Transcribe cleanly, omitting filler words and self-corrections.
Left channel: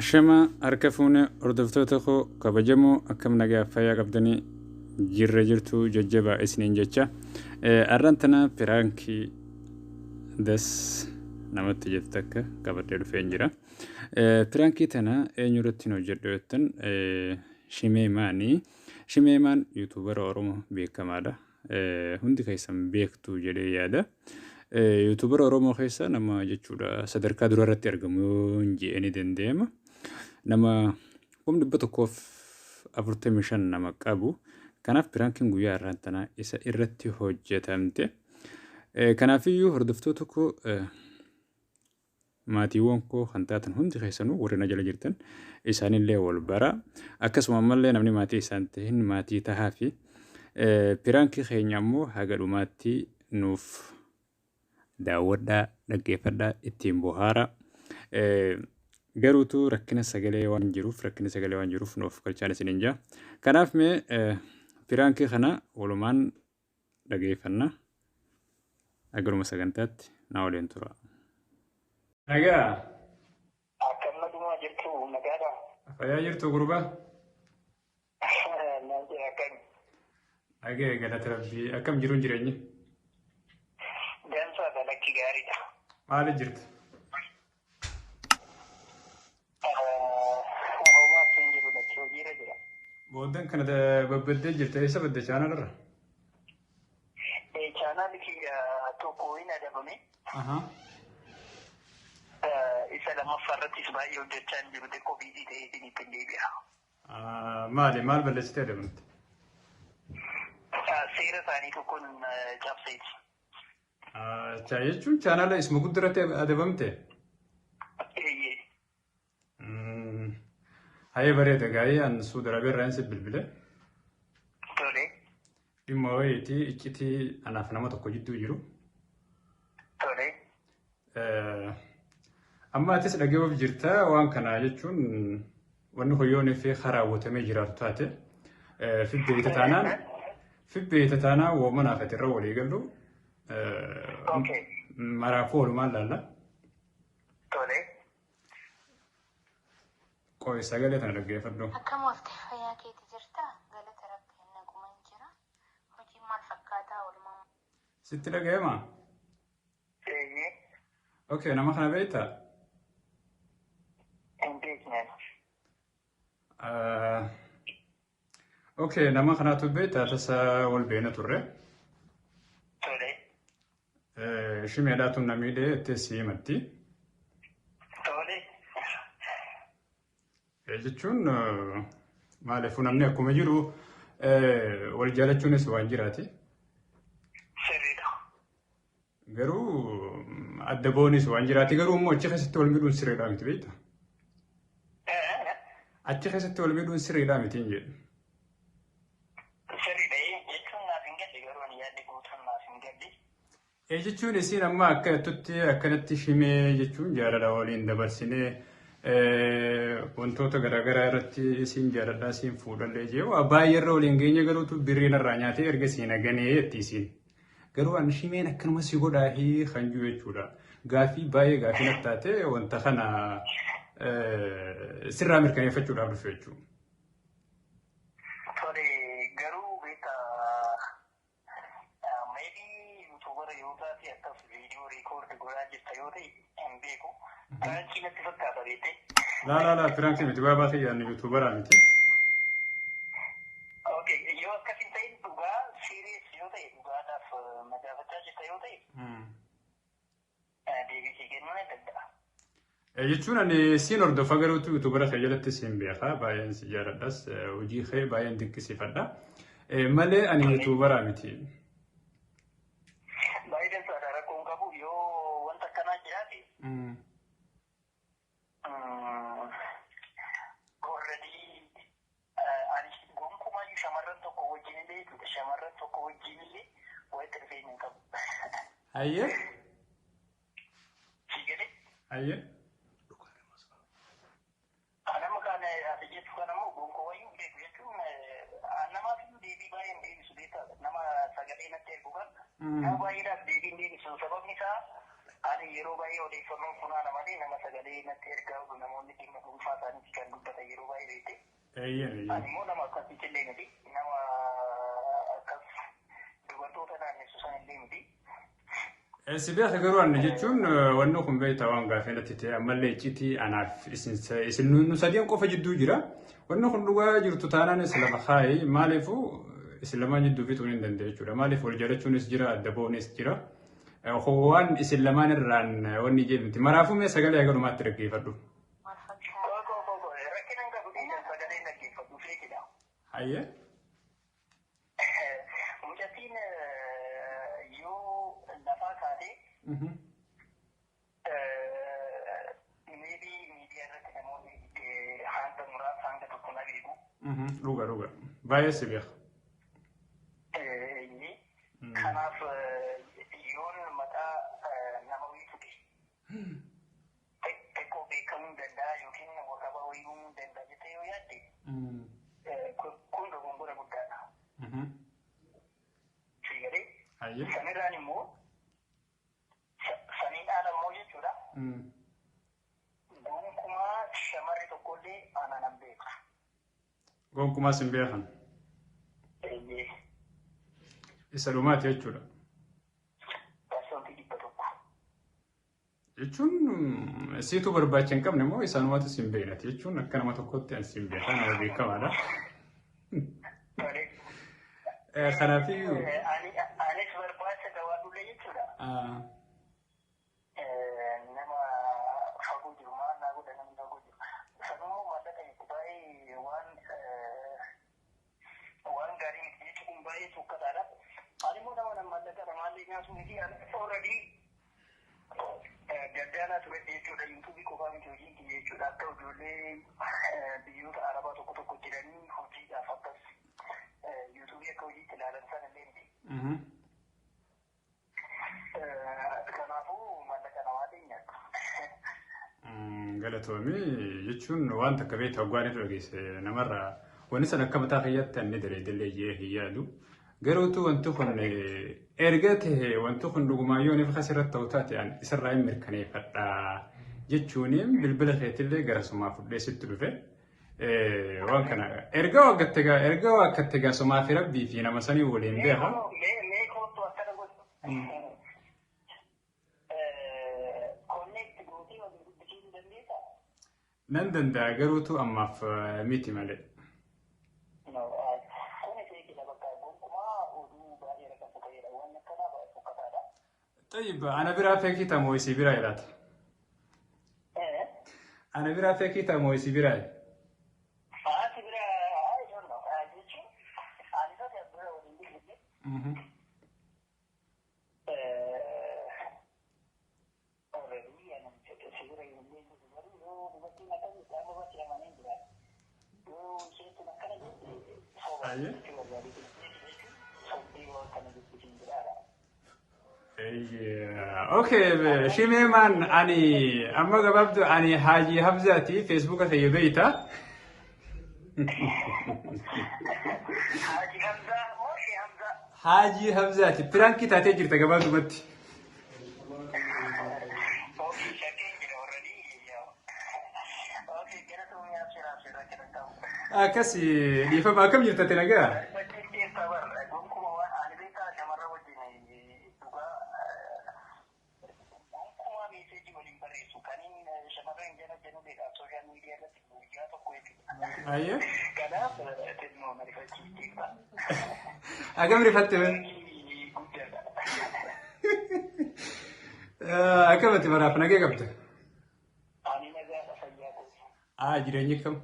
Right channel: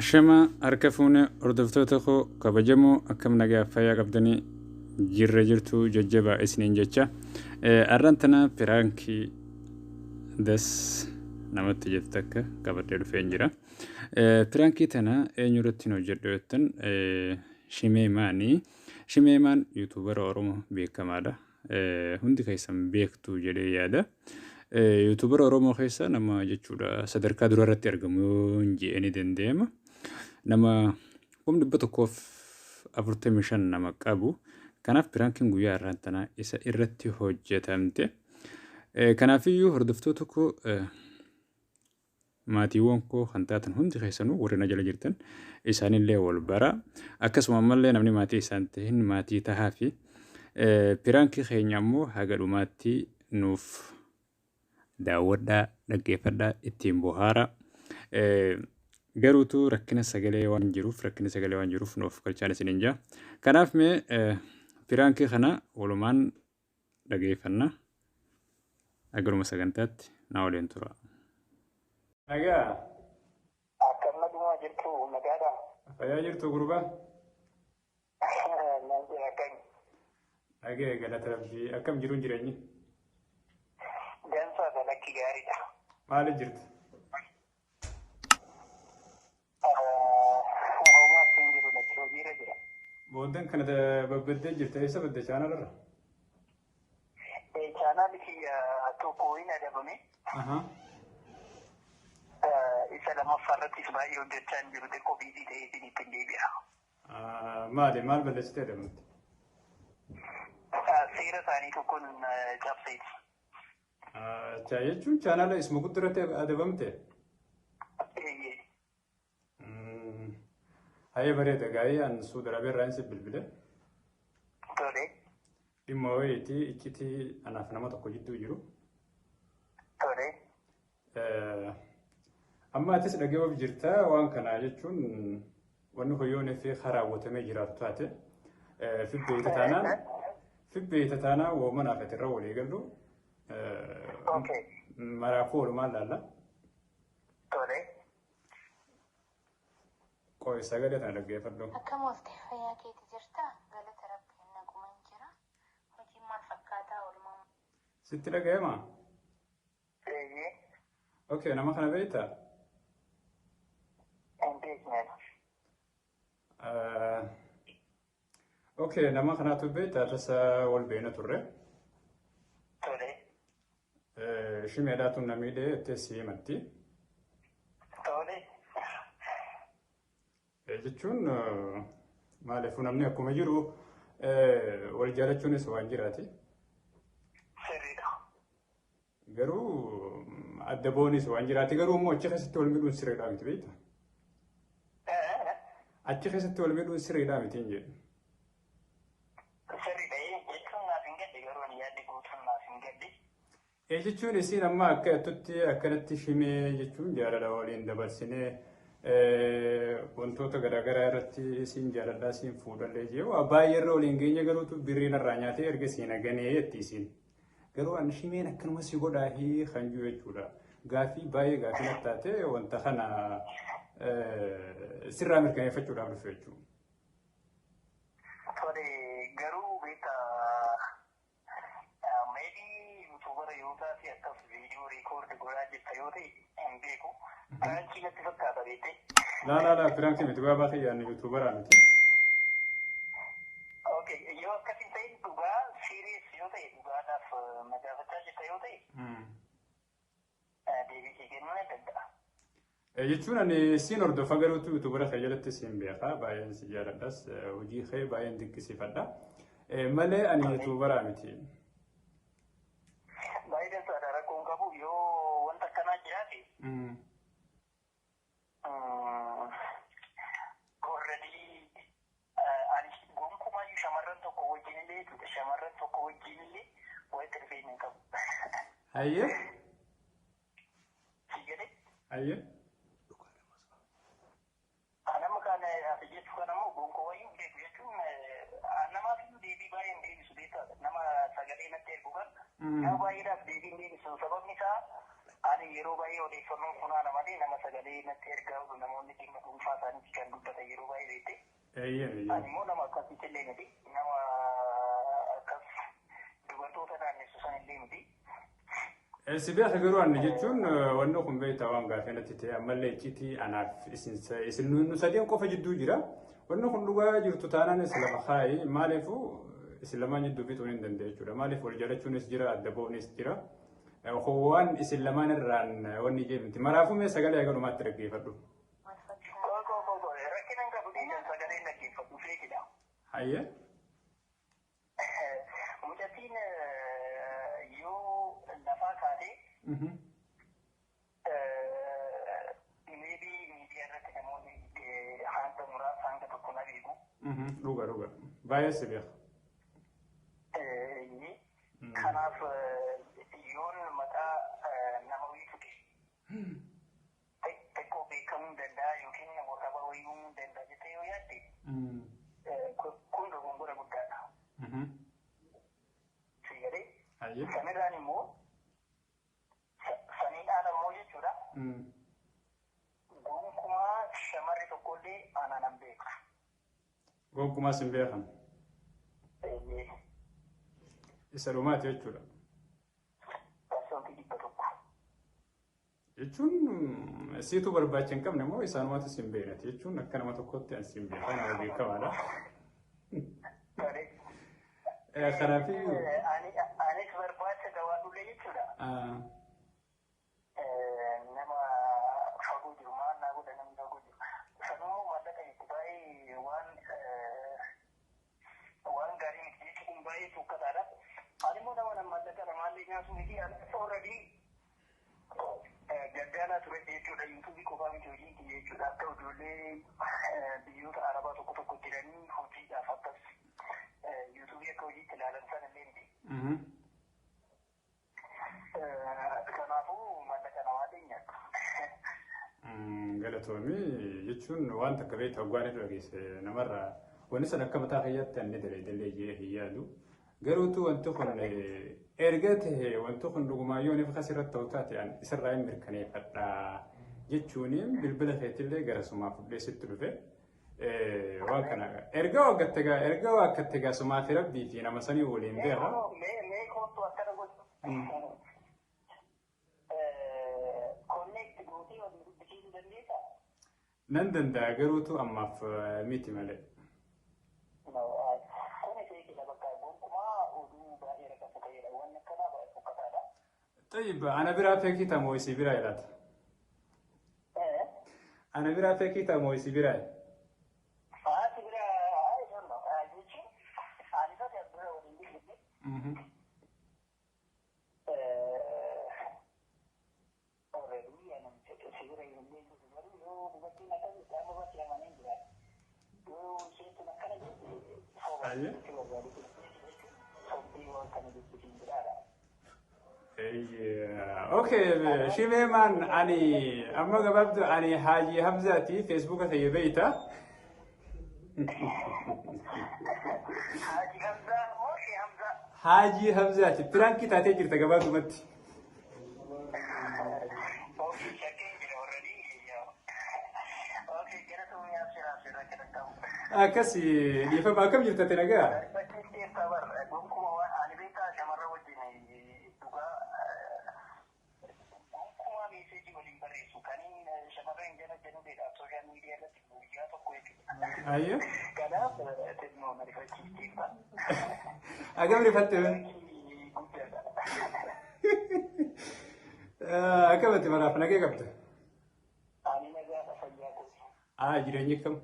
Shema harka fuune hordoftoota koo kabajamoo akkam nagaa fayyaa qabdanii jirra jirtu jajjabaa isiniin jecha. Arraan tana piraankii das namatti jettu akka qabadhee dhufeen jira. Piraankii tana eenyurratti nu hojjedhu jettan Shimeemaanii. Shimeemaan yuutuubara Oromoo beekamaadha. Hundi keessan beektu jedhee yaada. Yuutuubara Oromoo keessa nama jechuudha sadarkaa durarratti argamu yoo jedhanii dandeema. Nama humni tokkoof 45 nama qabu. Kanaaf piraankiin guyyaa irraan tanaa isa irratti hojjetamte. Kanaafiyyuu hordoftoota koo maatiiwwan koo kan taatan hundi keessanuu warri na jala jirtan isaanillee wal bara. Akkasuma ammallee namni maatii isaan ta'in maatii tahaa fi piraankii keenya ammoo haga dhumaatti nuuf daawwadhaa dhaggeeffadhaa ittiin bohaara. Garuutu rakkina sagalee waan jiruuf nuuf galchaan isiniin jaa. Kanaaf mee piraankii kana walumaan dhaggeeffanna. Agaruma sagantaatti na waliin tura. Nagaa. Akkam naguma jirtu nagaadha. Fayyaa jirtu gurbaa? Nagaa galata rabbii akkam jiruun jireenya? Dansa dalakki gaariidha. Maali jirtu? Booddan kana babbaddee jirta eessa badde chaanalarra? Chaanaan kiyya tokko hin agaruni. Isa lammaffaa irrattis baay'ee hojjechaa hin jiru xiqqoo biizii ta'eetiin ittiin deebi'a. Maal balleessitee adamante? Seera isaanii tokkoon cabseeti. Jechuun chaanala isuma guddaratti adabamte? Hayya bareeda gaa'ee an Suudi Arabiyaa irraa insi bilbile. Tole. Dhimma wayiitii iccitii anaaf nama tokko jidduu jiru. Tole. Amma atis dhageewwaaf jirta waan kana jechuun wanni hoyyoonii fi raawwatamee jiraatu taate fibbeeta taanaan woomanaaf ati irra walii gallu maraafuu walumaan laalla. Tole. Qoy sagalee tana dhaggeeffadhu. Akkam wafte fayyaa keeti jirta? Galata rabbiin nagumaan jira. Hojiin maal fakkaataa oolmaa? Sitti dhaga'emaa? Eeyyee. Okay, nama kana beektaa? Hin beekne. Okay, nama kanaatu beektaa tasa wal beena turre. Tole. Shimeedhaatu namiidhee itti siimatti. Jechuun maaliifuu namni akkuma jiru wal jaalachuunis waan jiraati. Sirriidha. Garuu adda boonis waan jiraati. Garuu immoo achi keessatti wal miidhuun sirriidhaa miti beektaa? Achi keessatti wal miidhuun sirriidhaa miti hin jedhu. Sirriidha jechuun naaf hin galle garuu ani yaadde gootuun naaf hin galle. Jechuun isiin amma akkatti akkanatti shimee jechuun jaalala waliin dabarsinee wantoota garaagaraa irratti isin jaaladhaa isin fuudhallee jee baay'ee irra waliin geenye garuutu birriin irraa nyaatee erga siin aganee itti isin garuu an shimeen akkanuma si godhaa fi kan jiru jechuudha. Gaaffii baay'ee gaaffii natti taate wanta kana sirraa mirkaneeffachuudhaaf dhufe jechuudha. Tole garuu beektaa maybii yuutuubara yoo taate akkas viidiyoo reekoordi godhaa jirta yoo ta'e hin beeku. Gaachi natti fakkaata beekte. La, piraankii miti baabaa kiyyaan yuutuubaraa miti. Okay, yoo akkasii ta'e dhugaa siiriis yoo ta'e dhugaadhaaf nagaafachaa jirta yoo ta'e deebisee kennuu ni danda'a. Jechuun ani siin hordofa garuutu yuutuubara kee jalatti siin beekaa baay'een si jaaladhas hojii kee baay'een dinqisiifadha. Malee ani yuutuubaraa miti. Baay'een saada rakkoon qabu yoo wanta akkanaa jiraate Aye. Aye. yeroo baay'ee odeeffannoon funaana malee nama sagalee natti ergaa namoonni dhimma dhuunfaa Eeyyeen. immoo nama akkasitti illee miti nama akkas dubartoota isaanii susan illee miti. Si beekta garuu anna jechuun wanni kun beektaa waan gaafee natti ta'e ammallee icciitii anaaf isin nu sadiin qofa jidduu jira. Wanni kun dhugaa jirtu taanaan isin lama kaayi maaliifuu isin lamaan jidduu fituu hin danda'e jechuudha. Maaliif wal jaalachuunis jira adda ba'uunis jira. Waan isin lamaan irraan wanni jeemti. Maraafuu mee sagalee agalumaatti dhaggeeffadhu. Hayyee. Mucattiin yoo lafaa taatee miidiyaa irratti namoonni hanga muraasa hanga tokko na beeku. Dhuga. Baay'ee si beeka. Kanaaf yoon maqaa nama wayituuti. Xiqqoo beekamuu danda'a yookiin namoota baay'uu danda'a jettee yoo yaadde. Kun dogongora guddaadha. Fayyadee. Sanirraan immoo saniidhaan ammoo jechuudha. Gonkumaa shamarri tokkollee amanan beeka. Gonkumaas hin beekan. Isa dhumaati jechuudha. Jechuun siituu barbaacha hin qabne immoo isaanumaatis hin beeknati jechuun akka nama tokkotti as hin beekan nama beekamaadha. Kanaafiyyuu. Anis barbaacha gabaadhullee jechuudha. Nama fagoo jiru maal naa godha namni fagoo jiru. Sanuu wanta ta'e baay'ee waan gaarii miti jechuun baay'ee suukkataadha. Ani immoo nama mallaqa namaallee nyaatu miti already gaddaanaa ture jechuudha. Yuutuubii qofaa miti hojii jechuudha. Akka ijoollee biyyoota arabaa tokko jiranii hojiidhaaf akkas yuutuubii akka hojiitti ilaalan sana illee miti. Kanaafuu mallaqa namaallee nyaatu. Galatoomii jechuun wanta akka beektaa hoggaan irra geesse namarraa wanni san akka mataa kiyyaatti anni daleedillee hin yaadu. Garuutu wanti kun erga ta'e wanti kun dhugumaayyoo ni fakkas irratti ta'u taate isarraa hin mirkaneeffadha jechuun bilbila keetillee gara sumaa fudhee sitti dhufe. Waan kana erga waaqatte gaa sumaa fi rabbii fi nama sanii waliin beeka. Nan danda'a garuutu ammaaf miti malee. طيب أنا برا فيكي تمويسي براي لا أنا برا فيكي تمويسي براي اوكي شيميمان اني اما قبلت اني حاجي حفزاتي فيسبوك في بيتا حاجي حفزاتي برانكي تاتي جرت قبلت مت كسي يفهم كم جرت تلقى أيوه. أكمل فتوى. أكمل تبرع فناجي قبته. جريني كم.